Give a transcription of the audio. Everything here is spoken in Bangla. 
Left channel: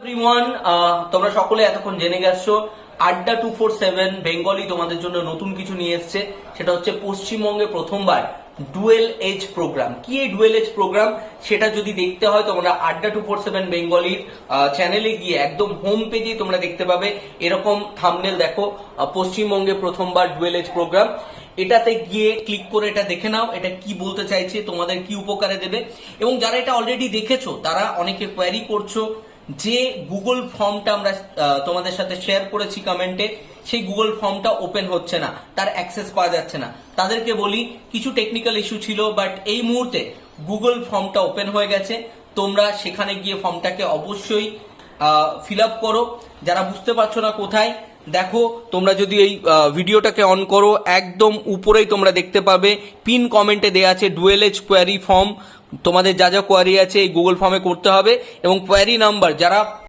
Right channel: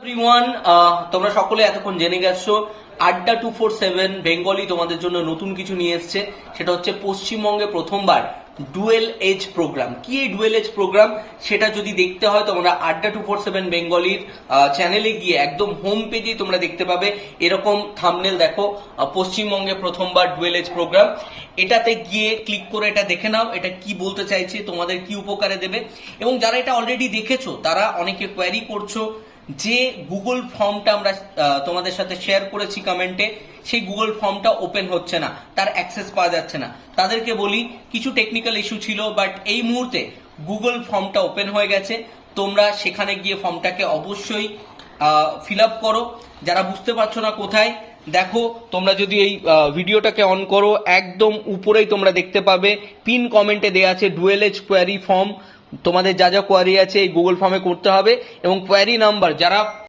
এভরিওয়ান, তোমরা সকলে এতক্ষণ জেনে গেছো আড্ডা 247 বেঙ্গলি তোমাদের জন্য নতুন কিছু নিয়ে এসছে। সেটা হচ্ছে পশ্চিমবঙ্গে প্রথমবার ডুয়েল এজ প্রোগ্রাম। কি এই ডুয়েল এজ প্রোগ্রাম সেটা যদি দেখতে হয় তোমরা আড্ডা 247 বেঙ্গলির চ্যানেলে গিয়ে একদম হোম পেজে তোমরা দেখতে পাবে এরকম থাম্বনেল। দেখো, পশ্চিমবঙ্গে প্রথমবার ডুয়েল এজ প্রোগ্রাম, এটাতে গিয়ে ক্লিক করে এটা দেখে নাও এটা কি বলতে চাইছে, তোমাদের কি উপকারে দেবে। এবং যারা এটা অলরেডি দেখেছো তারা অনেকে কোয়ারি করছো যে গুগল ফর্মটা আমরা তোমাদের সাথে শেয়ার করেছি কমেন্টে, সেই গুগল ফর্মটা ওপেন হচ্ছে না, তার অ্যাক্সেস পাওয়া যাচ্ছে না। তাদেরকে বলি কিছু টেকনিক্যাল ইস্যু ছিল, বাট এই মুহূর্তে গুগল ফর্মটা ওপেন হয়ে গেছে। তোমরা সেখানে গিয়ে ফর্মটাকে অবশ্যই ফিল আপ করো। যারা বুঝতে পারছো না কোথায়, দেখো তোমরা যদি এই ভিডিওটাকে অন করো একদম উপরেই তোমরা দেখতে পাবে পিন কমেন্টে দেওয়া আছে ডুয়েল এজ কোয়ারি ফর্ম। তোমাদের যা যা কোয়ারি আছে এই গুগল ফর্মে করতে হবে এবং কোয়ারি নাম্বার যারা